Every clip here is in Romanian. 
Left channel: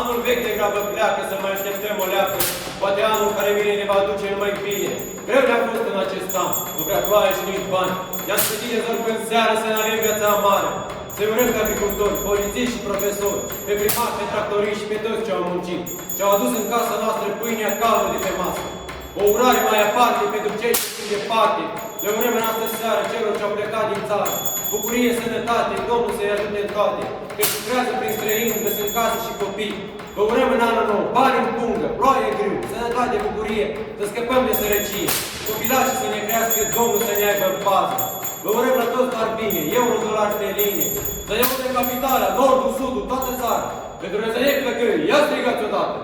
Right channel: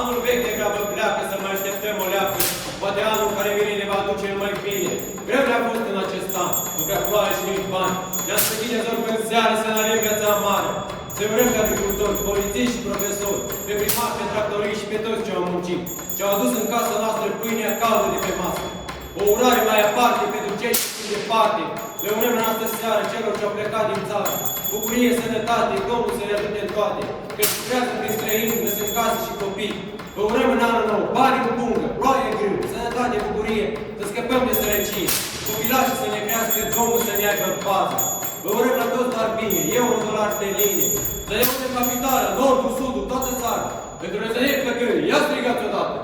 Anul vechi de grabă pleacă, să mai așteptăm o leacă. Poate anul care vine ne va duce numai bine. Greu ne-a fost în acest an, nu prea ploaie și nu-i bani. Ne-a spătit să rugăm seara să ne avem viața amară. Să vrem ca agricultori, polițiști și profesori, pe primari, pe tractoriști și pe toți ce au muncit, ce au adus în casa noastră pâinea caldă de pe masă. O urare mai aparte pentru cei ce sunt departe. Le urăm în astă seară celor ce au plecat din țară. Bucurie, sănătate, Domnul să-i ajute în toate. Că lucrează prin străini, că sunt case și copii. Vă urăm în anul nou, bani în pungă, ploaie grâu, sănătate, bucurie, să scăpăm de sărăcie. Copilașii să ne crească, Domnul să ne aibă în pază. Vă urăm la toți doar bine, eu un dolar pe linie. Să iau de capitală, nordul, sudul, toată țara. Pentru că să ne plăcări, ia strigați odată!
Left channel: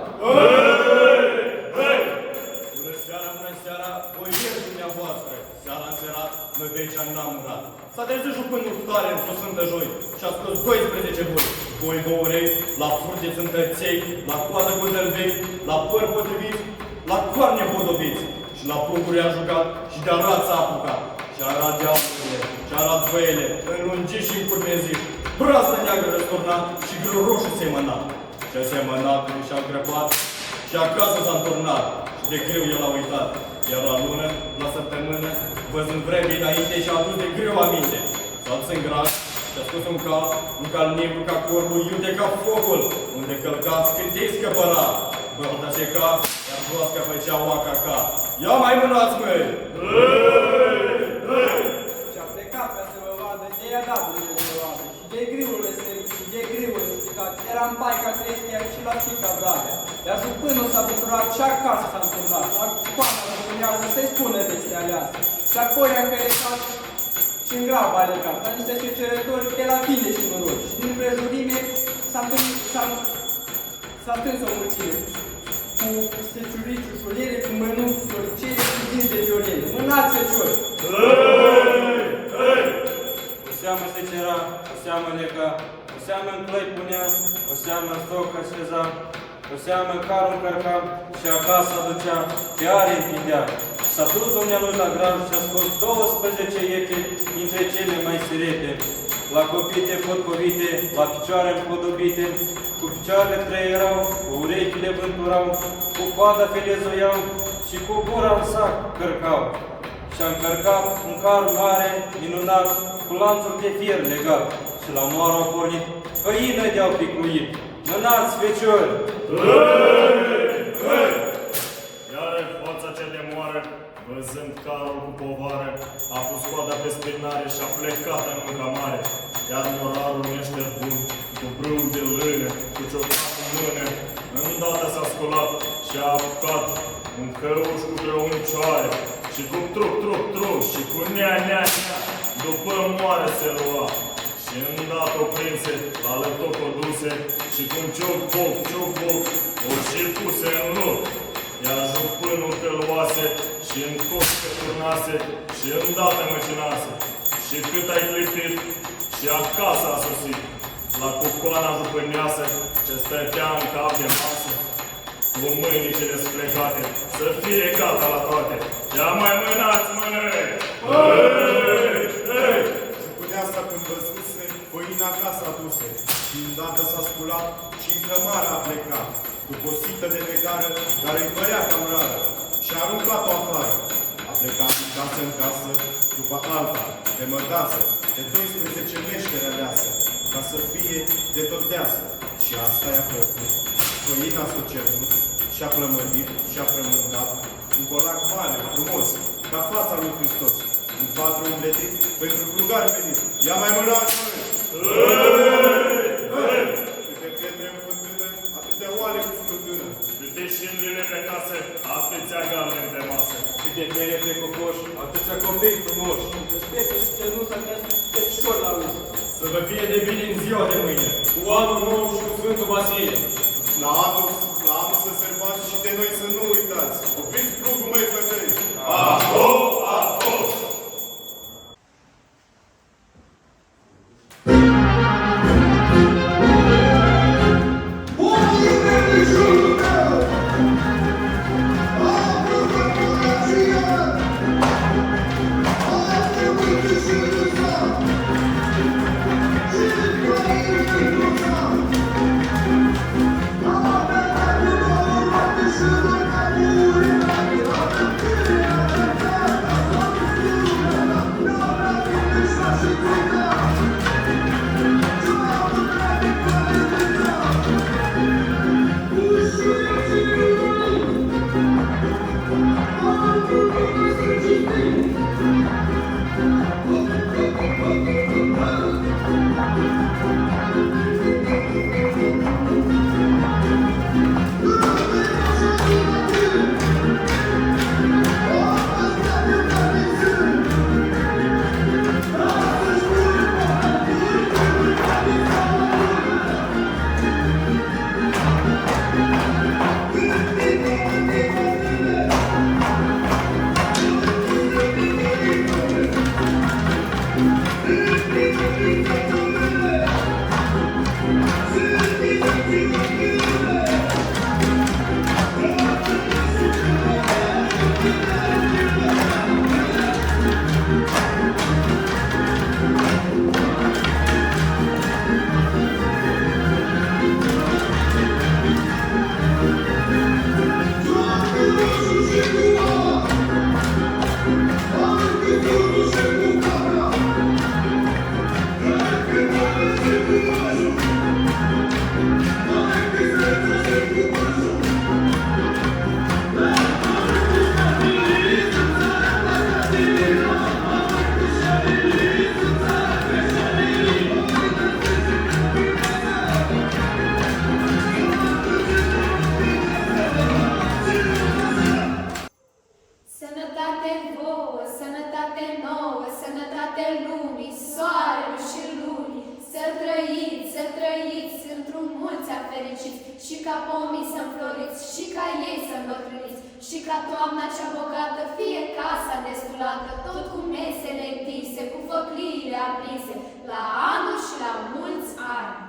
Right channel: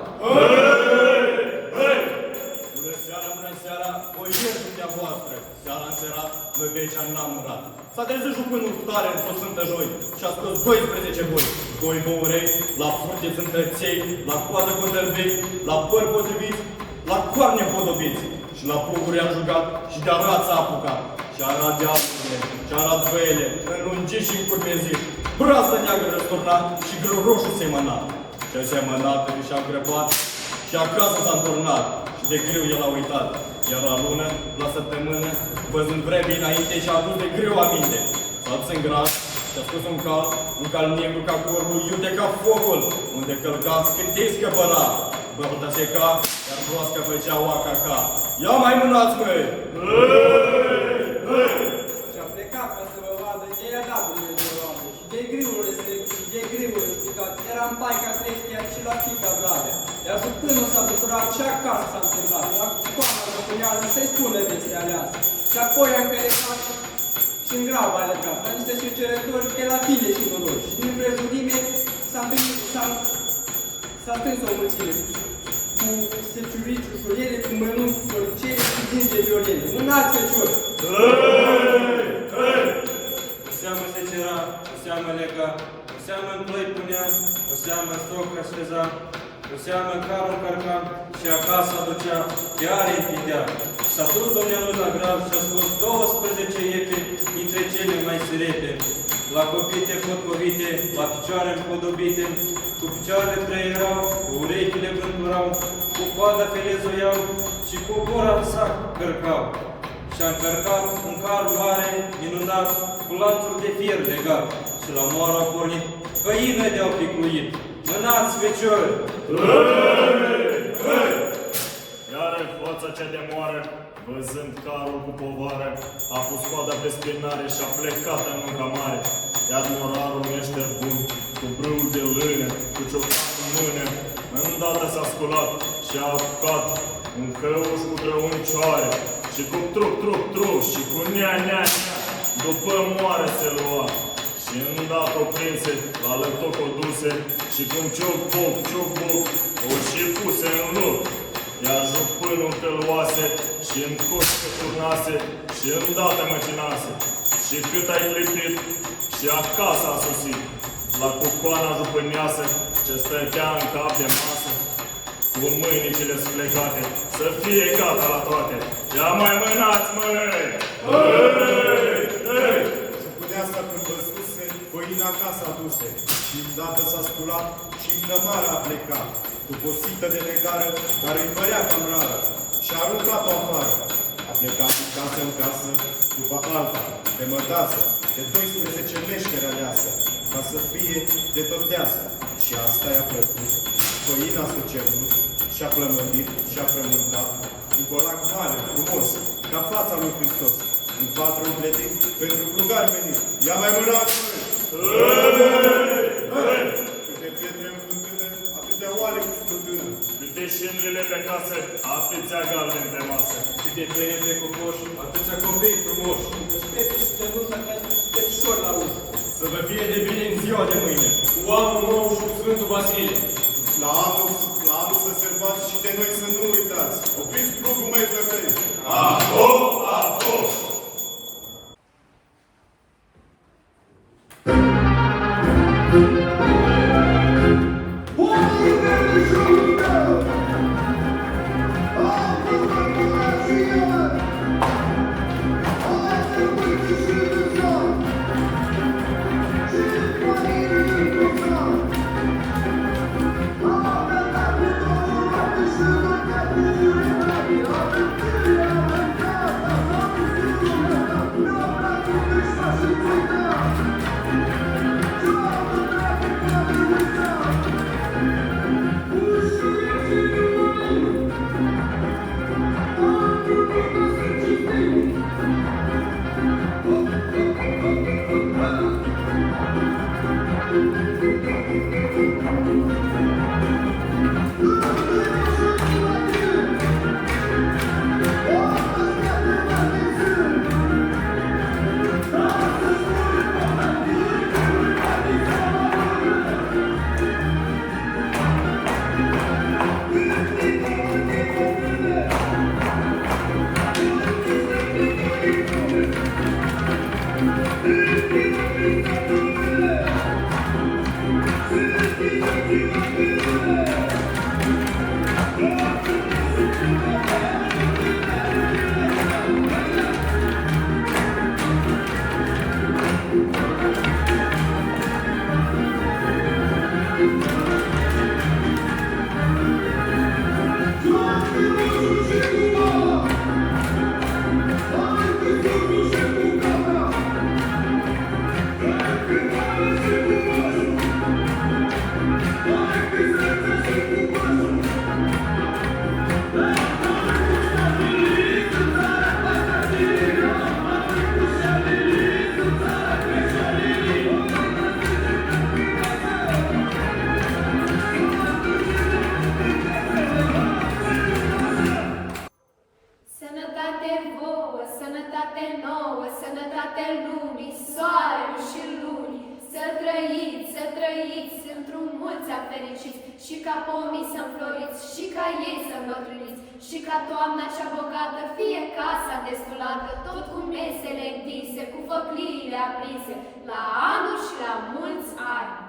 Bună seara, o ieri dumneavoastră. Seara înserat, noi pe aici n-am murat. S-a trezit jupânul cu tare într-o sfântă joi și a scos 12 boi. Boi băurei, la furte întăței, la coadă codălbei, la păr potriviți, la coarne podobiți. Și la pluguri a jucat și de-a rața a apucat. Și a arat dealurile, și a arat băile, înlungiți și încurmezit. Brasă neagră răsturnat și grâu roșu semănat. Și-a semănat și a grăbat și acasă s-a înturnat. De greu el a uitat, iar la lună, la săptămână, văzând vremii înainte și-a adus de greu aminte. S-a dus în grad și-a scos un cal negru ca corbul, iute ca focul, unde călca scântii scăpăra. Bălta seca, iar broasca făcea oaca-ca. Ia mai mânați, măi! Și-a plecat ca să vă vadă, de i-a dat Dumnezeu roade. Și de griul răstărit, și de griul răspicat, era în paica Crestia și la fica Bravea. Iar jupânul s-a bucurat și acasă s-a întâlnat, la coana jupânează să-i spună vestea aleasă. Și apoi a încălecat și în grab a legat, ca niște cercetori de la tine și noroc. Și din prejurime s-a întâns o mulțime, cu seciorii ușurele, cu mănunchi floricele, cu din de violele. Mânați, feciori! O seamă secera, o seamă lega, o seamă în plăi punea, o seamă în stoc așteza, o seamă în carul încărca și acasă aducea, chiar îi întindea. S-a dus domnul la graj și a scos 12 iete dintre cele mai sirete. La copite potpovite, la picioare împodobite, cu picioarele trăierau, cu urechile vânturau, cu coada filezoiau și cu gura în sac cărcau. Și-a încărcat un car mare, minunat, cu lanțuri de fier legat. Și la moară au pornit făină de-au picuit. Mânați, feciori! Iară hoța cea de moară, văzând carul cu povară, a pus coada pe spinare și a plecat în munca mare. Iar morarul meșter bun, cu brâul de lână, cu ciocan în mână, îndată s-a sculat și a apucat un căuș cu grăuncioare și cu truc, și cu nea, după moare se lua. Și îndată o prinse, la lătoc o duse și cu un cioc-boc, o și puse în loc. Iar jupânul te luase și în tot se turnase și îndată măcinase. Și cât ai clipit și acasă a sosit, la cucoana jupâneasă ce stătea în cap de masă, cu mâinicile splecate, să fie gata la toate. Ia mai mânați, măi! Jupâneasa când văzuse, făina acasă aduse, și îndată s-a sculat și în cămară a plecat, după o sită de negară, dar îi părea cam rară, și-a aruncat-o afară. A plecat din casă în casă, după alta, de mătasă, de 12 meșteri aleasă, ca să fie de tot deasă. Și asta i-a plăcut. Făina s-a cerut, și-a plămădit, și-a frământat, un colac mare, frumos, ca fața lui Hristos, un patru umpletit pentru plugari venit. Ia mai mânați, măi! Câte pietre în fântână, atâtea oale cu fântână. Câte șindrile pe casă, atâția galbeni pe masă. Câte tere pe cocoși, atâția copii frumoși. Câte spete și cănușa, ca petișori la ușă. Să vă fie de bine în ziua de mâine. Cu anul nou și cu Sfântul Vasile. La anul să sărbați și de noi să nu uitați. Opriți plugul, măi, flăcăi! Aho, aho! Oh, mulți ani fericiți, și ca pomii să înfloriți, și ca ei să îmbătrâniți, și ca toamna cea bogată fie casa destulată, tot cu mesele întinse, cu făcliile aprinse, la anul și la mulți ani.